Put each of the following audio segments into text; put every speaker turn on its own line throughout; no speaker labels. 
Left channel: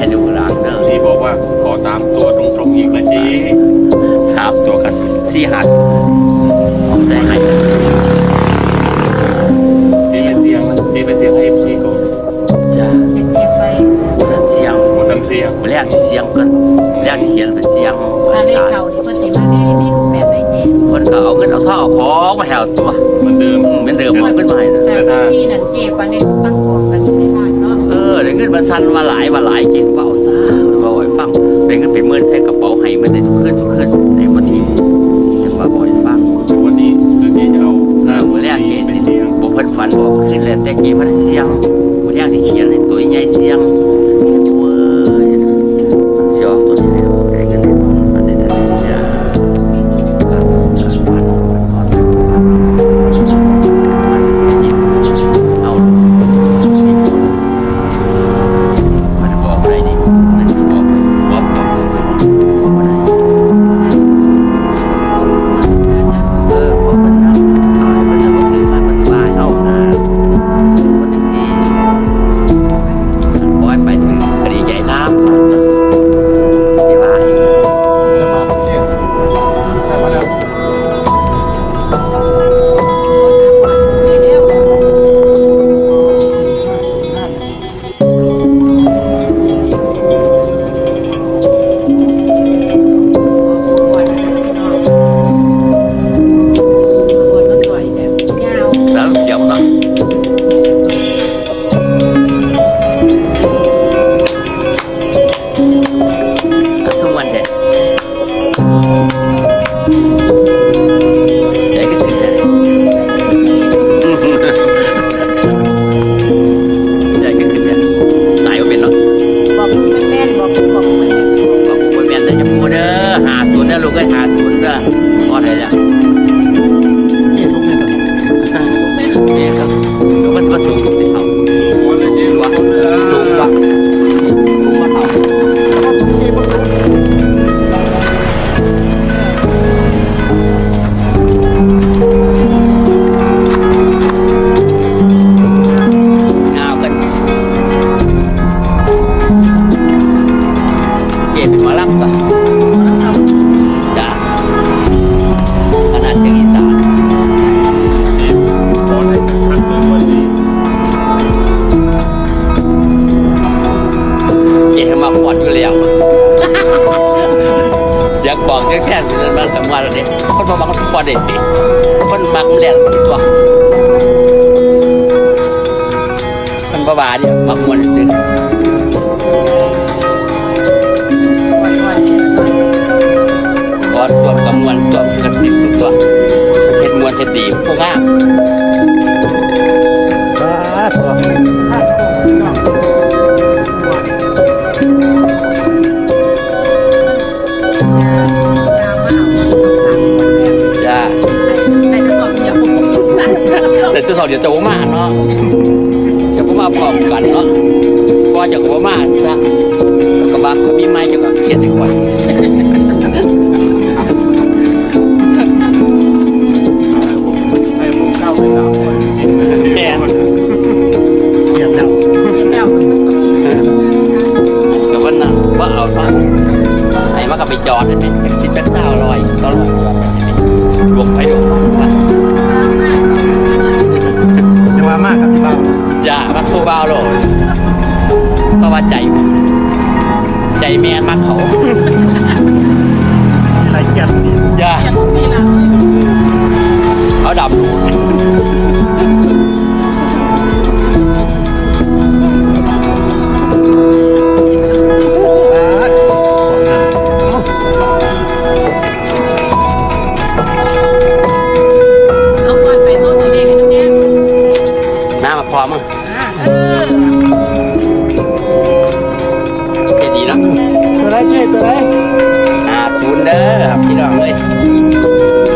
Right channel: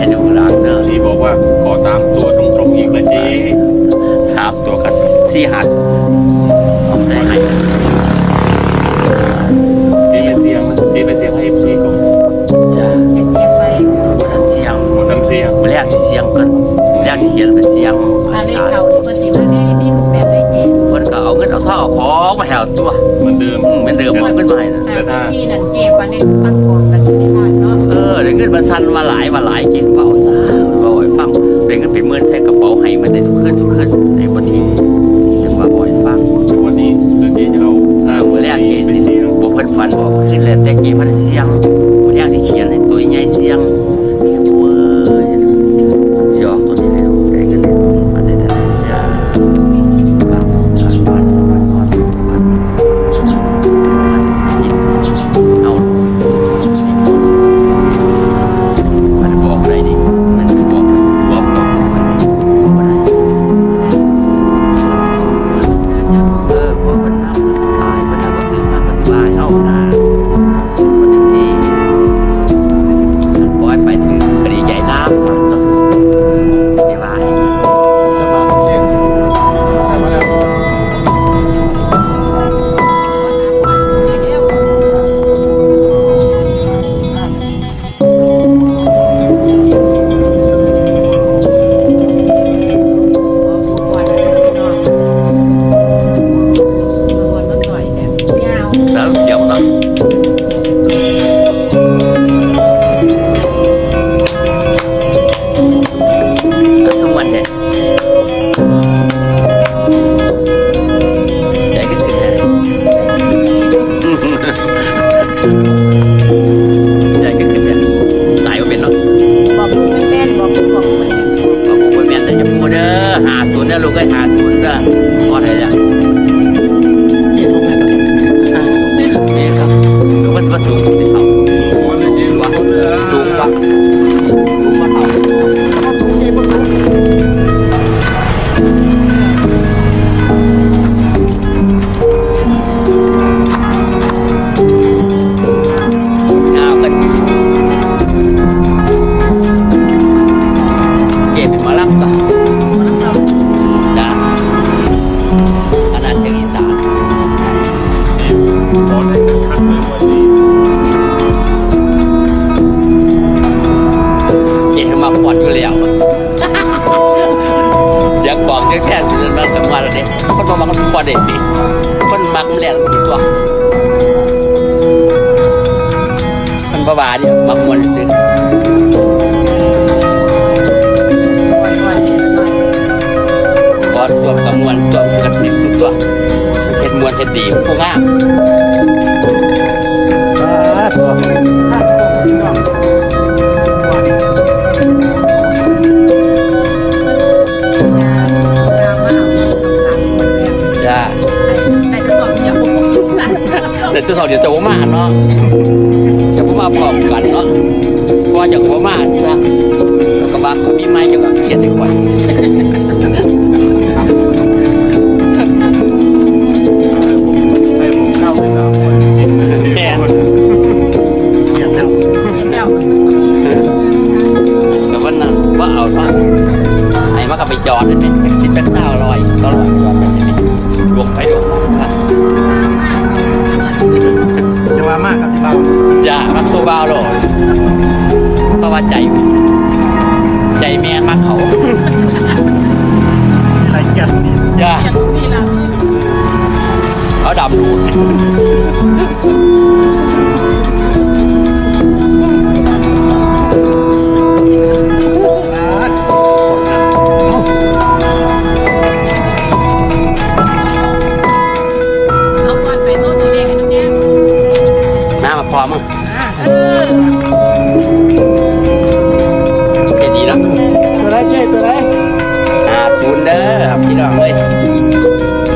ให้ดูหลังเด้อ
ที่บอกว่าขอตามตัวตรงๆอีกนะเจ๊
สามตัวกับสี่ห้าศูนย์เอาใส่ให้
เจ๊ไปเสียงนะเจ๊ไปเสียงให้เอฟซีก่อน
จ้า
จะเสียงไป
บุทันเสียง
หมดทันเสียง
บุแรกที่เสียงเกินแรกที่เขียนเป็นเสียง
ถ้าเลขเขานี่เพิ่นสิมาในในรูปแบบได้เจ
เพิ่นก็เอาเงินเอาทองเอาของมาแหวตัว
เหมือนเดิม
อืมเหมือนเดิมเอาเงินมาให้นะ
แต่ถ้าที่นั่นเจปานนี้ตั้งกองกัน อยู่ในบ้านเนาะ
เออได้เงินมาสั่นมาหลายมาหลายเก่งเปล่าซ่าว่าบ่อยฟังได้เงินเป็นหมื่นใส่กระเป๋าให้มันได้ทุกคืนทุกคืนในวันที่จังว่าบ่อยฟัง
วันนี้เดี๋ยวเจ๊จะเอา
เออมื้อแรกเก
ไป
สิ
เสียง
บ่เพิ่นฝันบอกขึ้นแล้วแต่เกพันเสียง มาฟอดอยู่แล้วเสียงบอกแค่แค่สิมันทำงานแล้วเด็คนมามักมันฟอดเด็ดดิคนมักแหลกสิตัวคนบ้าเนี่ยมักมวนซื้อก้อนตัวกับมวลตัวกันติดทุกตัวเห็ดมวลเห็ดดีผู้งาม แต่ที่เขาเดี๋ยวจะว่ามาเนาะจะว่ามาพร้อมกันเนาะก็จะว่ามาซะแล้วก็บางเขามีไม้เกี่ยวกับเครียดอีกวัน
ให้ผมให้ผมเข้าไปสามคนกินเลย
แม่น
เกียรติแล้ว
แต่วันนั้นว่าเอาเนาะไอ้มาก็ไปจอดอันนี้คิดจักเศร้าลอยก็ลอยจอดแบบนี้รวมไปรวมมันว่า
จ่า
จ้ามักผู้บ่าวโลดเพราะว่าใจ ใจแมนมา
ก
เขา พร้อมมั้งเจดีเนาะ
ตัวไรเกียรติตัวไร
หาศูนย์เด้อครับพี่น้องเลย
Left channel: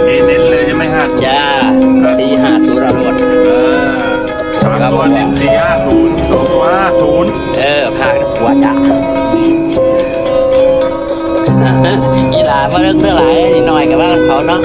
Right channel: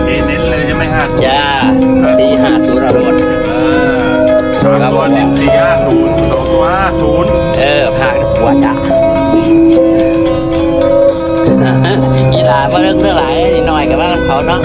เจ๊เน้นเลยจะไม่หัด
จ้าสี่ห้าศูนย์อรวด
เออสามตัวเน้นสี่ห้าศูนย์สองตัวห้าศูนย์
เออพากันหัวจ้ากีฬามาเรื่องเท่าไหร่นิดหน่อยกับว่าเขาเนาะ